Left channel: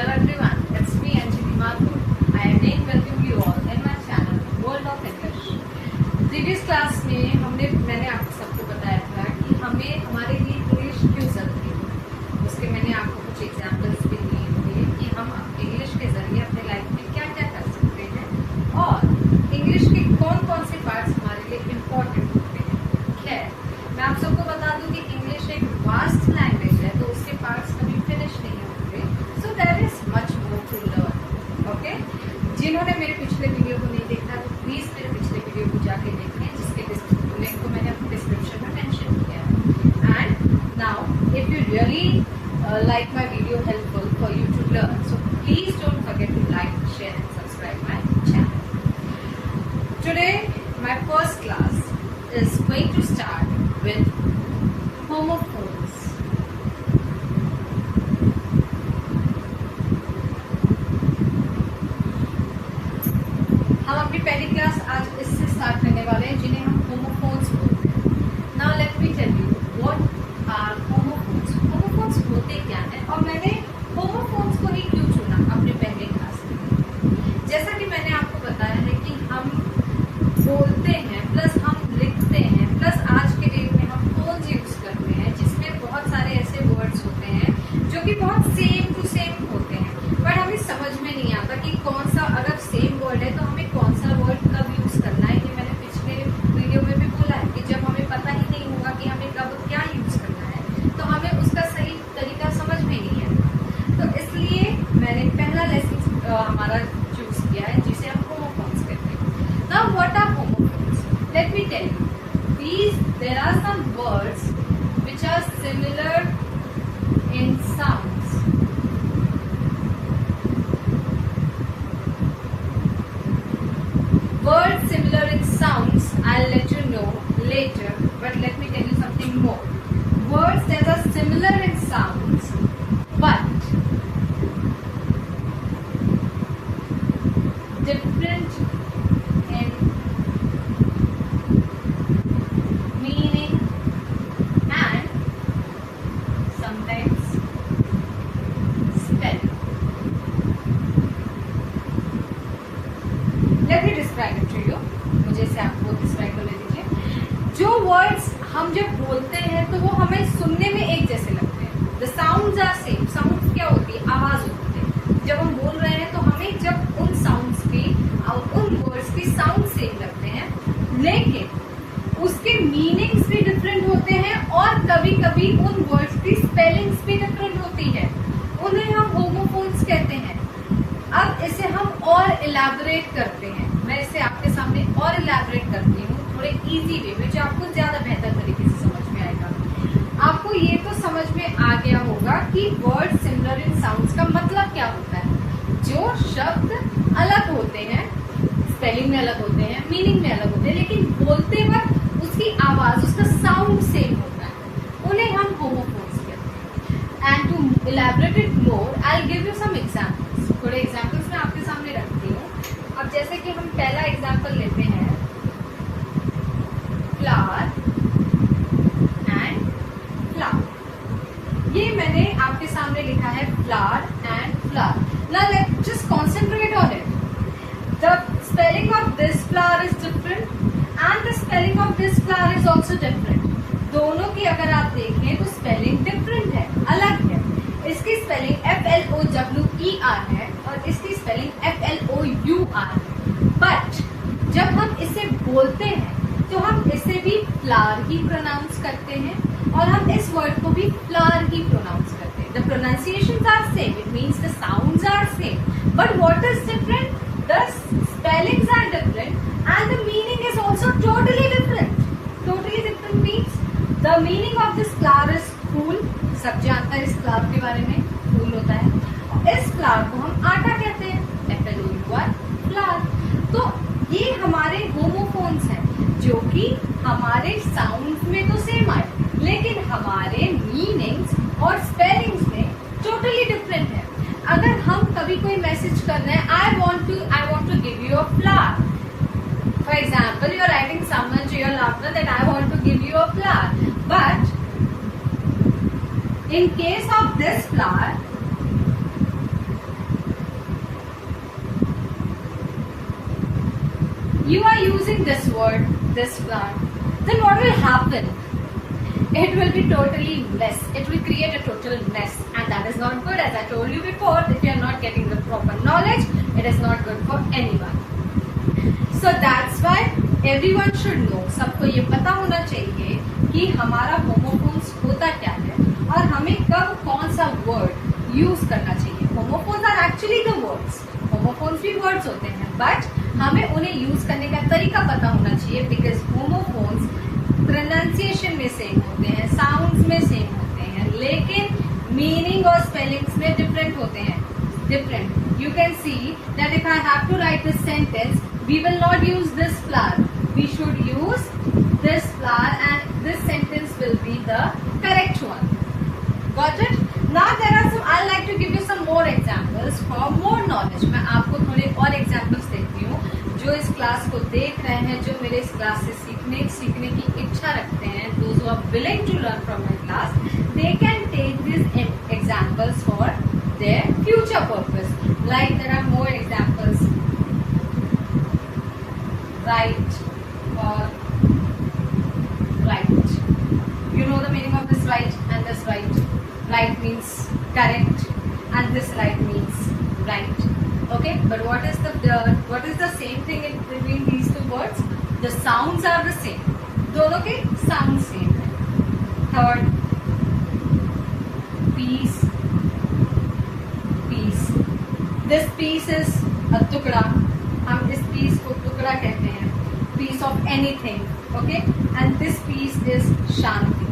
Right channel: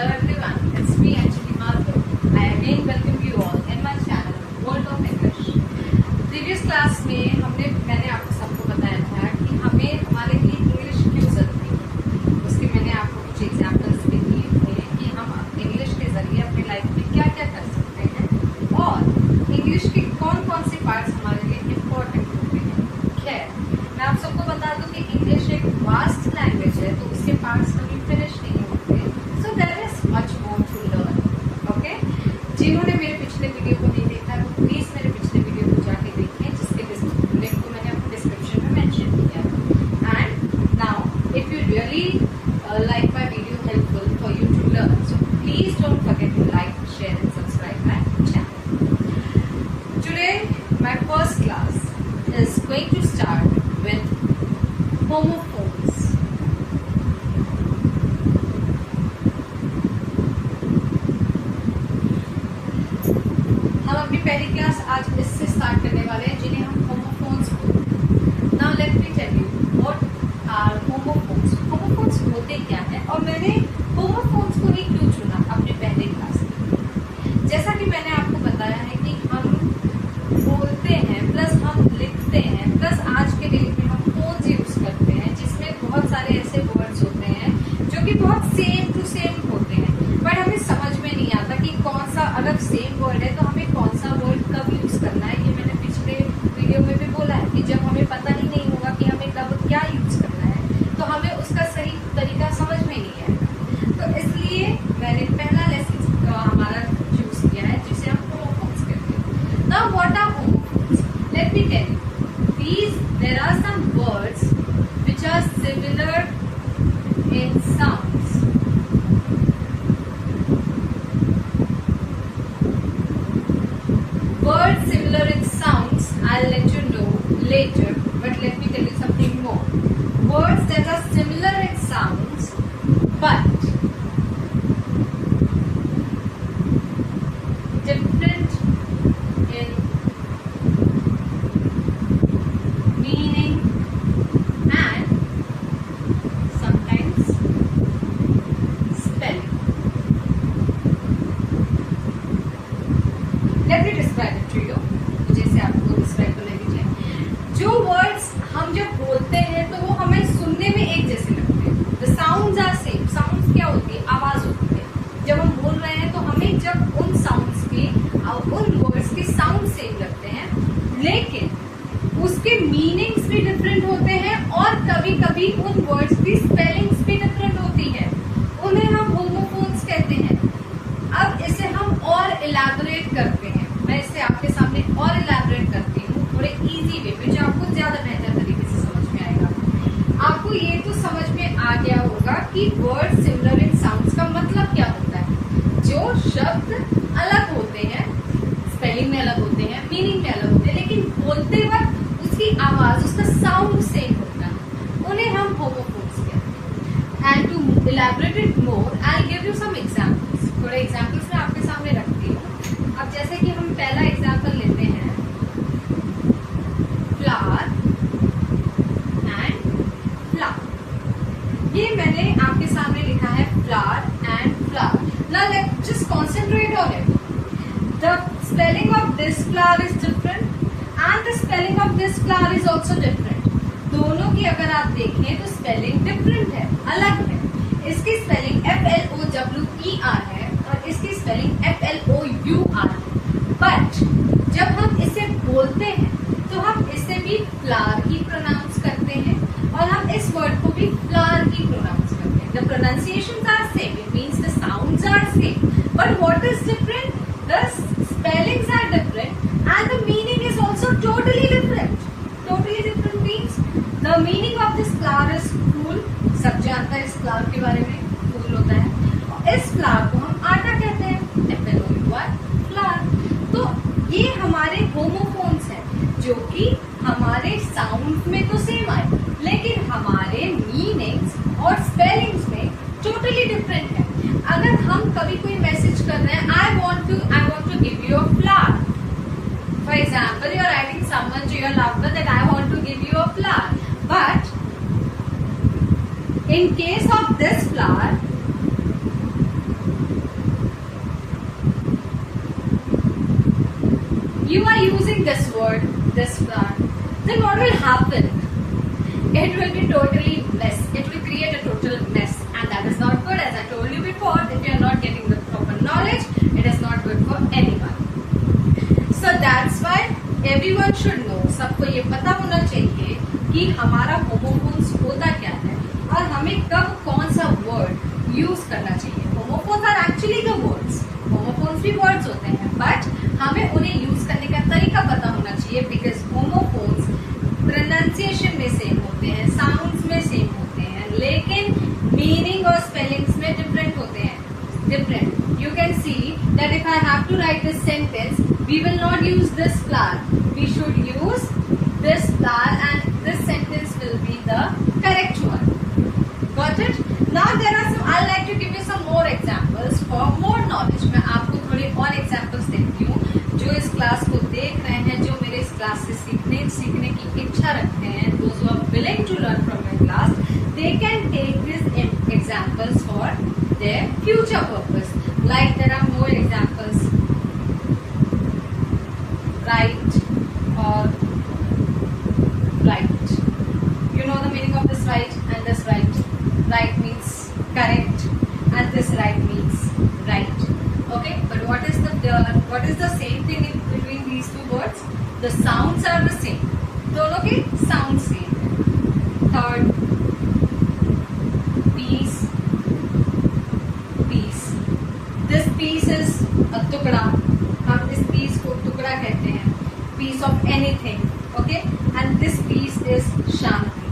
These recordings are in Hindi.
Hello everyone, it's me Anjali Mathur. I again welcome you all in my channel World of English. Previous class में मैंने आपको सबको बताया था कि हमें हमारे लिए इंग्लिश क्यों जरूरी है। उसके मैंने आपको कुछ एग्जाम्पल्स भी दिए थे कि हम इंग्लिश के जरिए अपने लाइफ में क्या क्या कर सकते हैं और इंग्लिश के कौन कौन से पार्ट्स हमारे लिए इम्पोर्टेंट होते हैं। खैर, मैं आप सबको बता दूं कि इंग्लिश एक वास्ट लैंग्वेज है, तो उसके पार्ट्स कभी फिनिश नहीं होते। So there is much more to learn. Okay, जिन्होंने मेरे पिछले वीडियो को नहीं देखा तो प्लीज मेरे पिछले वीडियो को जाके देखें, जिसके लिंक को मैंने अपने डिस्क्रिप्शन में मेंशन किया है। And now if you really like my video helpful for you to learn, so please don't forget to like, share and subscribe my channel. Today my first class is going to start with homophones. हम अपनी पहली क्लास आज इससे स्टार्ट करने वाले हैं, जिन्हें हम होमोफोन्स बोलते हैं। Now let me tell you what are homophones. Homophones होते क्या है और मैंने होमोफोन्स को ही क्यों चुना अपने पहले क्लास में। जैसा कि मैंने आपको बताया है कि हम बोलते हैं प्लस हम लिखते हैं प्लस आज के डेट में हम फोन्स यूज करते हैं, जिसमें बहुत सारे ऐसे वर्ड्स होते हैं जो कि बहुत सेम टू सेम होते हैं, बट हमें समझ में नहीं आता कि कौन सा, अगर सेम वर्ड है तो हमें कौन सा वर्ड कब यूज करना है। ये मैंने पिछले वीडियो में भी बोला है कि जब हमें पता ही नहीं होगा कि हमें कब क्या यूज करना है तो हमें उसका सही तरीका समझ में नहीं आएगा। तो इसलिए मैंने पहला लेसन हमारा चूज किया है, जिसे हम होमोफोन्स कहते हैं। Now what are homophones? Let me tell you, there are some words which are similar in sounds. Words similar in sounds, I'll let you know later, but let me tell you something more. Words that are similar in sounds, but different in meaning and sometimes spelling. Let me describe it to you. मुझे इसे आपको डिस्क्राइब कर लीजिए। जो वर्ड्स हम जब बोलते हैं तो वो हमें सुनने में एक जैसे लगते हैं। The sounds are same. Sounds क्या होती है? आवाज होती है। जब हम बोल रहे हैं तो हमें जब उन साउंड्स की, उन वर्ड्स की साउंड सेम लगते हैं, लेकिन उसके मीनिंग्स भी डिफरेंट होते हैं और कभी कभी उन वर्ड्स की स्पेलिंग्स भी डिफरेंट होती है। उन्हें हम होमोफोन्स कहते हैं। अब इसे हम और इलैबोरेट करते हैं। मैं इसे आपके सामने और इलैबोरेट करती हूँ थोड़े इजी वे में, जो आपको ज्यादा बेहतर तरीके से समझ में आएगा। आपको ये तो समझ में आ गया होगा कि वर्ड सिमिलर इन साउंड्स का मतलब क्या होता है। जो शब्द अलग होते हैं, स्पेलिंग में अलग होते हैं, मीनिंग में अलग होते हैं, लेकिन बोलते वक्त उसकी आवाज, उसका साउंड सेम होता है, उन्हें हम होमोफोन्स कहते हैं। And to elaborate it more, I will give you some examples. थोड़े एग्जाम्पल्स मैं आपके सामने रखती हूँ। अब जैसे कि हम पहला एग्जाम्पल लेते हैं, फ्लावर एंड फ्लावर। ये मैंने आपके सामने लिखा है flower and flower. Now let's just concentrate on it. The spelling of this flower is different and the spelling of this flower is also different. दोनों की अगर आप देखें तो स्पेलिंग डिफरेंट है, अलग है। इसकी स्पेलिंग FLOWER है और इसकी स्पेलिंग FLOUR है। बट जब हम इसे बोलते हैं तो हम इसे भी फ्लावर ही प्रोनाउंस करते हैं और हम इस वर्ड को भी फ्लावर ही प्रोनाउंस करते हैं। The pronunciations are same, it means the sounds are same, but what is different? The spellings are different and the meaning is also totally different. Totally different means the meaning of this flower is फूल। सब जानते हैं इस फ्लावर के बारे में, फूल होता है। इस फ्लावर को हम आटा कहते हैं, FLOUR, फ्लावर। तो ये हमारे होमोफोन्स हैं, जो कि हमारे साउंड में तो सेम आए, लेकिन हमारे मीनिंग्स और स्पेलिंग्स में टोटली डिफरेंट है। अगर हम कभी कोई मैसेज कर रहे हैं, I want to give you a flower, for example you are writing someone to your lover that I want to give you a flower, but in case of this flower you are using this word, this flower, then what will happen? It will be totally mess. It will create a total mess, and that is not good. As I told you before, if you are not getting the proper knowledge, it is not good for anyone. So that's why everyone should know. सबको ये पता होना चाहिए कि हमारा होमोफोन्स होता क्या है और हमें कब कौन सा वर्ड यूज करना चाहिए. Homophones are actually the words. Homophones भी वर्ड्स होते हैं, बट हमें उन्हें यूज करने का तरीका पता होना चाहिए. बिकॉज होमोफोन्स प्रोनाउंसिएशन में सेम होते हैं, साउंड्स में सेम होते हैं, लेकिन मीनिंग और स्पेलिंग्स में डिफरेंट होते हैं. Different. You can see that if I have to write this sentence, we will not use this flower. We should use this flower, and this sentence will be the correct one. Got it? Now there are some. I'd like to give you some more examples for more knowledge. मैं आपको थोड़े और examples देती हूँ. जो इस क्लास को देख रहे हैं, जो मेरे इस क्लास से सीखने की इच्छा रखते हैं, those who are willing to learn from my class, they can take these examples for their future purpose. Like there are more examples. Right or right. You know the meaning of this right and this right. Right means correct, and this right means right. Okay, but what is the same thing in between these two words? The sounds are the same. दोनों के sound same है. Third, piece. This piece is a टुकड़ा. हम इस piece को टुकड़ा कहते हैं. Piece of anything. Okay, and this piece is shanti.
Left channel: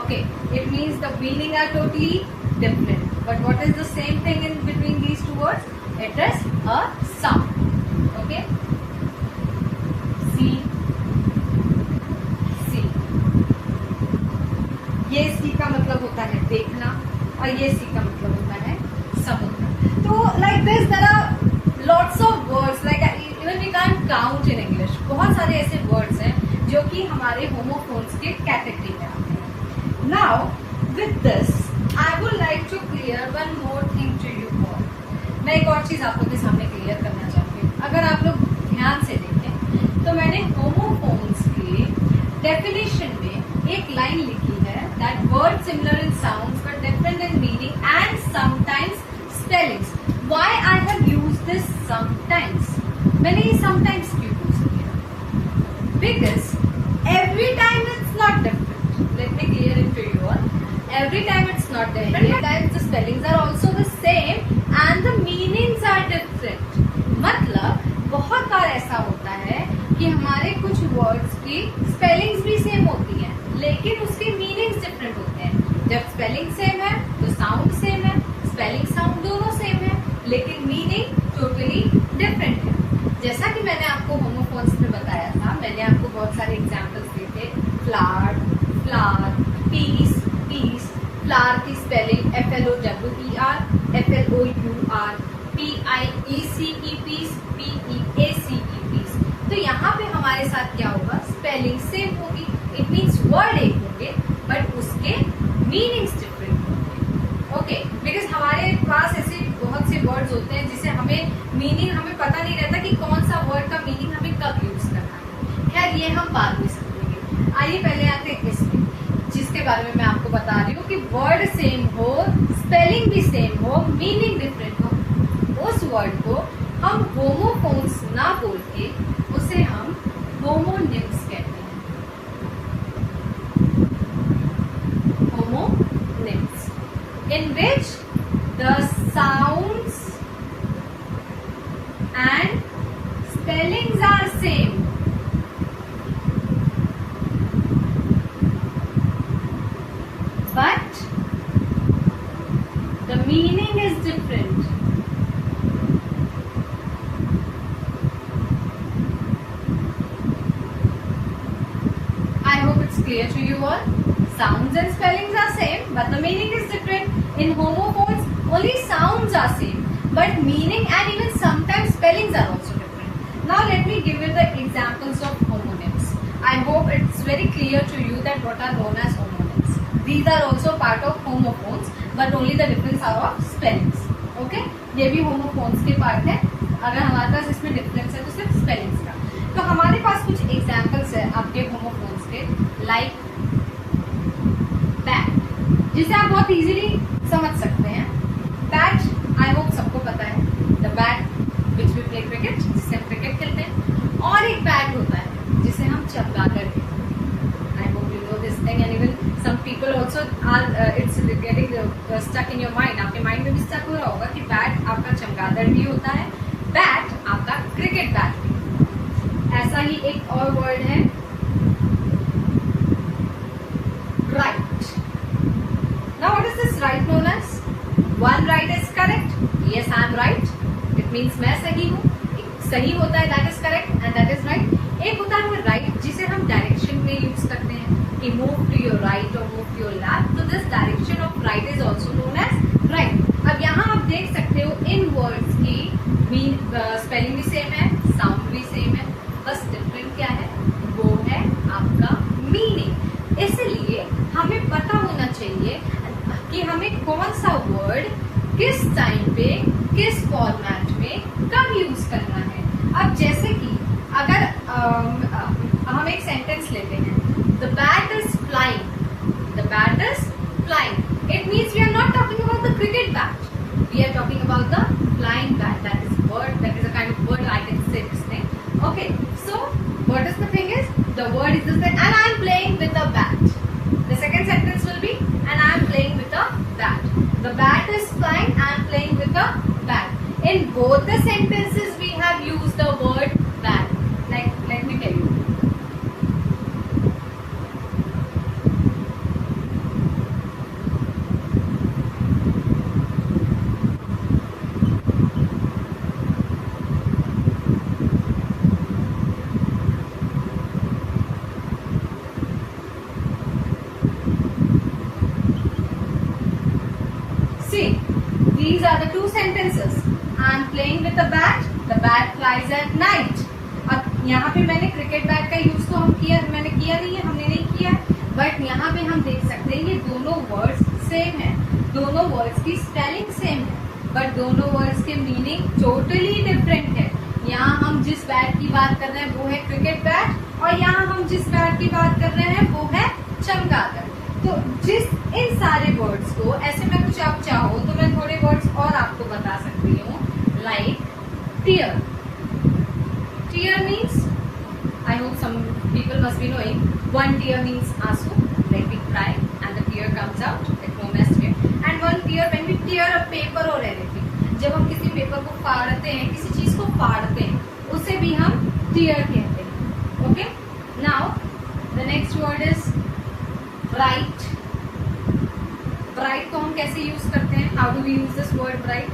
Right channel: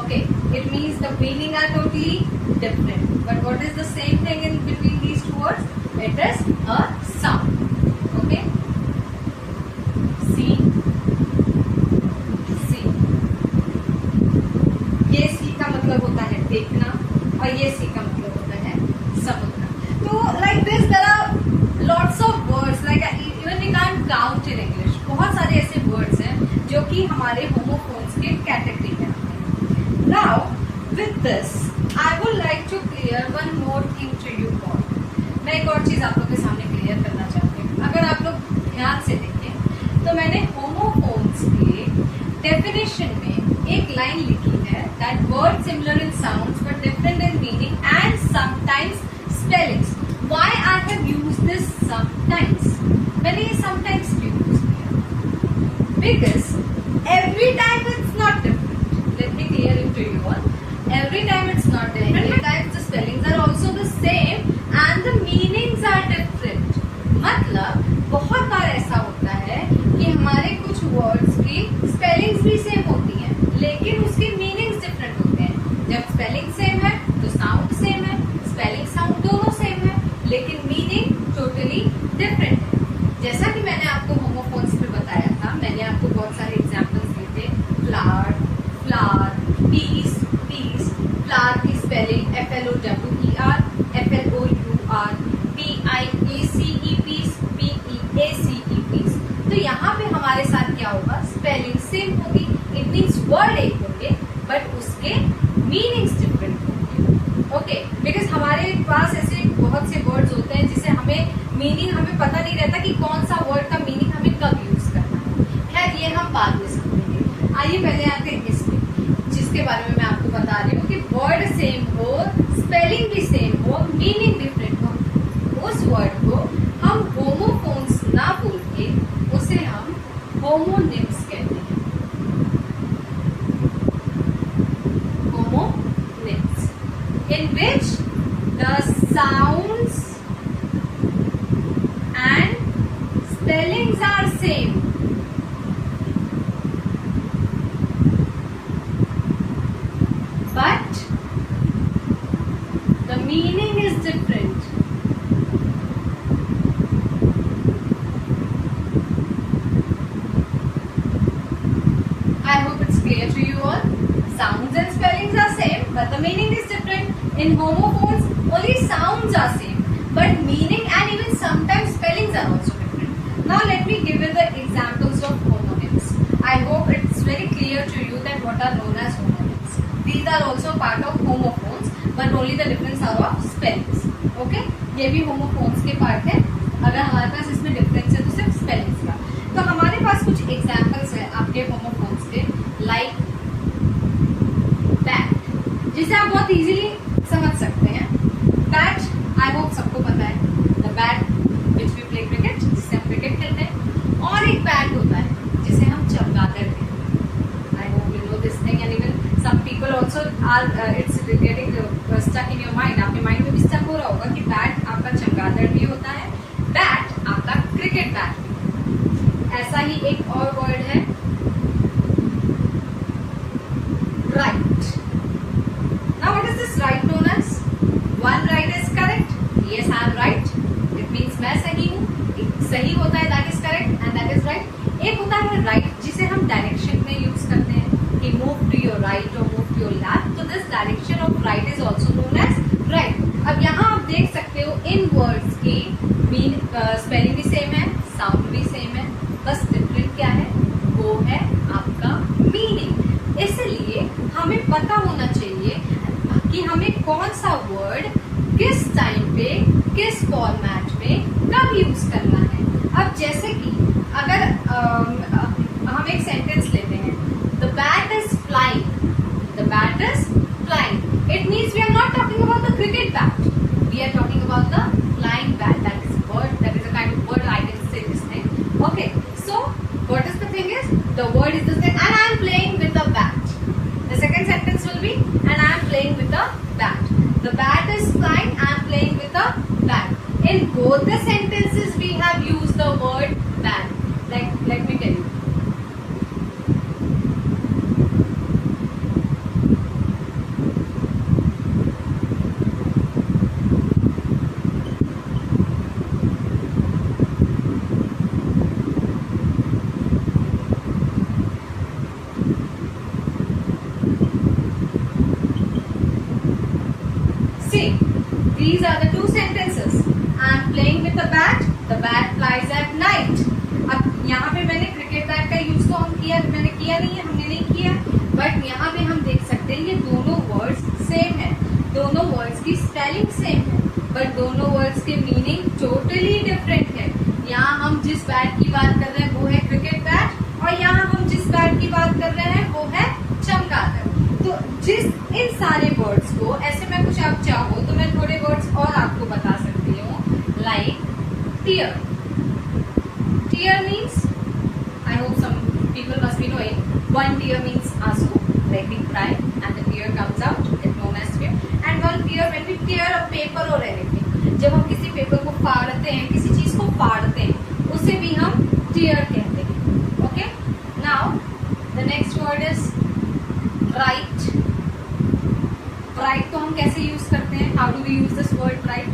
Okay, it means the meaning are totally different. But what is the same thing in between these two words? It is a sound. Okay, see. ये सी का मतलब होता है देखना, और ये सी का मतलब होता है समुद्र. तो like this there are lots of words, like even we can't count in English. बहुत सारे ऐसे words हैं जो कि हमारे homophones के कैटेगरी में आते हैं. Now with this I would like to clear one more thing to you all. मैं एक और चीज आप लोग के सामने क्लियर करना चाहती हूँ. अगर आप लोग ध्यान से देखें तो मैंने homophones के डेफिनेशन में एक लाइन लिखी है that words similar in sounds but different in meaning and sometimes spellings. Why I have used this sometimes? मैंने ये sometimes क्यों यूज किया? Because every time it's not different. Let me clear it to you all. Every time it's not different. Many times the spellings are also the same and the meanings are different. मतलब बहुत बार ऐसा होता है कि हमारे कुछ वर्ड्स की स्पेलिंग्स भी सेम होती हैं, लेकिन उसके मीनिंग्स डिफरेंट होते हैं. जब स्पेलिंग सेम है तो साउंड सेम है, स्पेलिंग साउंड दोनों सेम है, लेकिन मीनिंग टोटली डिफरेंट है. जैसा कि मैंने आपको होमोफोन्स में बताया था, मैंने आपको बहुत सारे एग्जांपल्स दिए थे. Flower, flower, piece, piece. Flower की spelling FLOWER, FLOUR, PIECE, piece, PEACE, peace. तो यहाँ पे हमारे साथ क्या होगा? स्पेलिंग सेम होगी. इट मीन्स वर्ड एक होंगे बट उसके मीनिंग्स डिफरेंट होंगे. ओके, बिकॉज हमारे पास ऐसे बहुत से वर्ड्स होते हैं जिसे हमें मीनिंग हमें पता नहीं रहता कि कौन सा वर्ड का मीनिंग हमें कब यूज करना है. खैर ये हम बाद में समझेंगे. आइए पहले आते हैं इसमें, जिसके बारे में मैं आपको बता रही हूँ कि वर्ड सेम हो, स्पेलिंग भी सेम हो, मीनिंग डिफरेंट हो, उस वर्ड को हम होमोफोन्स ना बोल के उसे हम होमोनिम्स कहते हैं. Homonyms, in which the sounds and spellings are same, but the meaning is different. I hope it's clear to you all. Sounds and spellings are same, but the meaning is different. In homophones, only sounds are same, but meaning and even sometimes spellings are also different. Now let me give you the examples of homonyms. I hope it's very clear to you that what are known as homonyms. These are also part of homophones, but only the difference are of spellings. Okay? ये भी homophones के part है. अगर हमारे पास इसमें difference है तो सिर्फ spellings का. तो हमारे पास कुछ एग्जाम्पल्स है आपके होमोफोन्स के, लाइक बैट, जिसे आप बहुत इजीली समझ सकते हैं। बैट आई होप सबको पता है, the bat which we play cricket, जिससे हम क्रिकेट खेलते हैं। और एक बैट होता है जिसे हम चमगादड़ कहते हैं। I hope you know this thing and even some people also are it's getting stuck in your mind, आपके माइंड में भी स्टक हो रहा होगा कि बैट आपका चमगादड़ भी होता है, बैट आपका क्रिकेट बैट। ऐसा ही एक और वर्ड है right. Now what is this right known as? One right is correct, yes I am right, it means मैं सही हूँ, सही होता है that is correct and that is right. एक होता है राइट जिसे हम डायरेक्शन में यूज करते हैं कि मूव टू योर राइट और मूव टू योर लेफ्ट, तो this direction of right is also known as right. अब यहाँ आप देख सकते हो इन वर्ड्स की मीन स्पेलिंग भी सेम है, साउंड भी सेम है, बस डिफरेंट क्या है, वो है आपका मीनिंग। इसलिए हमें पता होना चाहिए कि हमें कौन सा वर्ड किस टाइम पे किस फॉर्मेट में कब यूज करना है। अब जैसे कि अगर हम एक सेंटेंस लेते हैं, the bat is flying, the bat is flying, it means we are not talking about the cricket bat, we are talking about the flying bat, that is word, that is a kind of word, I can say this thing, okay. So what is the thing is, the word is the same and I am playing with the bat. The second sentence will be and I am playing with the bat. The bat is flying, I am playing with the bat. In both the sentences we have used the word bat. Like, let me tell you. See, these are the two sentences. I am playing with the bat flies at night. अब यहाँ पे मैंने क्रिकेट बैट का यूज तो मैंने किया नहीं है, हमने नहीं किया, बट यहाँ पे हम देख सकते हैं ये दोनों वर्ड्स सेम है, दोनों वर्ड्स की स्पेलिंग सेम है, बट दोनों वर्ड्स के मीनिंग टोटली डिफरेंट है। यहाँ हम जिस बैट की बात कर रहे हैं वो है क्रिकेट बैट, और यहाँ हम जिस बैट की बात कर रहे हैं वो है चमगादड़। तो जिस इन सारे वर्ड्स को ऐसे मैं कुछ आप चाहो तो मैं थोड़े वर्ड्स और आपको बता सकती हूँ, like tear. Tear means, I hope some people must be knowing, one tear means आंसू, like we cry and the tear comes out, it known as tear, and one tear when we tear a paper or anything, जब हम किसी पेपर को फाड़ते हैं, किसी चीज को फाड़ते हैं, उसे भी हम टीयर कहते हैं, okay. Now the next word is bright. Bright को हम कैसे यूज करते हैं? How do we use this word bright?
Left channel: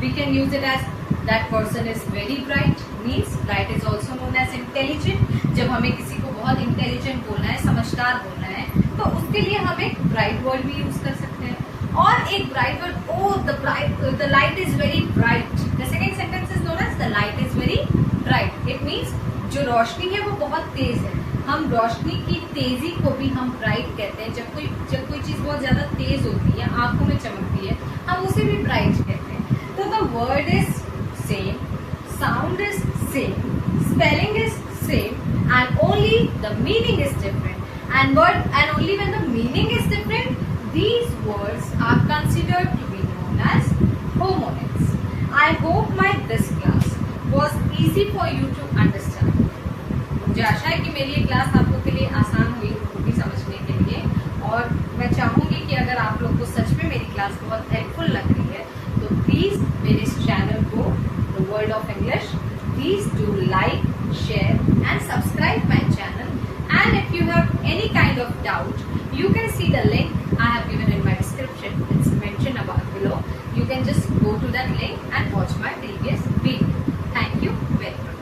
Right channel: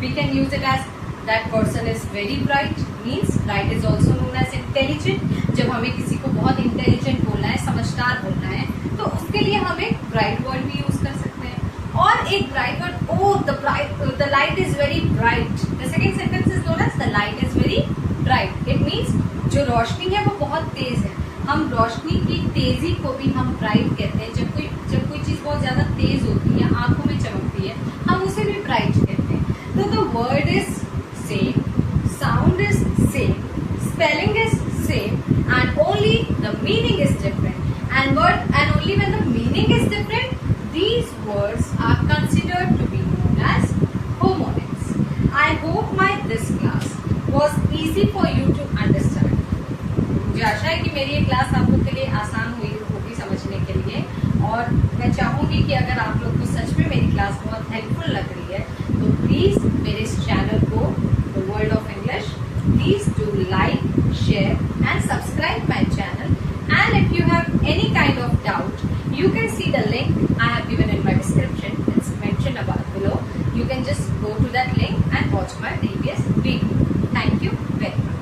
We can use it as that person is very bright, means bright is also known as intelligent. जब हमें किसी को बहुत इंटेलिजेंट बोलना है, समझदार बोलना है, तो उसके लिए हम एक ब्राइट वर्ड भी यूज कर सकते हैं। और एक bright word, oh the light is very bright, the second sentence is known as the light is very bright, it means जो रोशनी है वो बहुत तेज है। हम रोशनी की तेजी को भी हम ब्राइट कहते हैं। जब कोई चीज बहुत ज्यादा तेज होती है, आंखों में चमकती है, हम उसे भी ब्राइट कहते हैं। तो the word is same, sound is same, spelling is same, and only the meaning is different. And only when the meaning is different, these words are considered to be known as homonyms. I hope this class was easy for you to understand. मुझे आशा है कि मेरी ये क्लास आप लोग के लिए आसान हुई होगी समझने के लिए, और मैं चाहूंगी कि अगर आप लोग को सच में मेरी क्लास बहुत हेल्पफुल लग रही है तो प्लीज मेरे इस चैनल को the world of English, please do like, share and subscribe my channel. And if you have any kind of doubt, you can see the link I have given in my description. It's mentioned above below. You can just go to that link and watch my previous video. Thank you very much.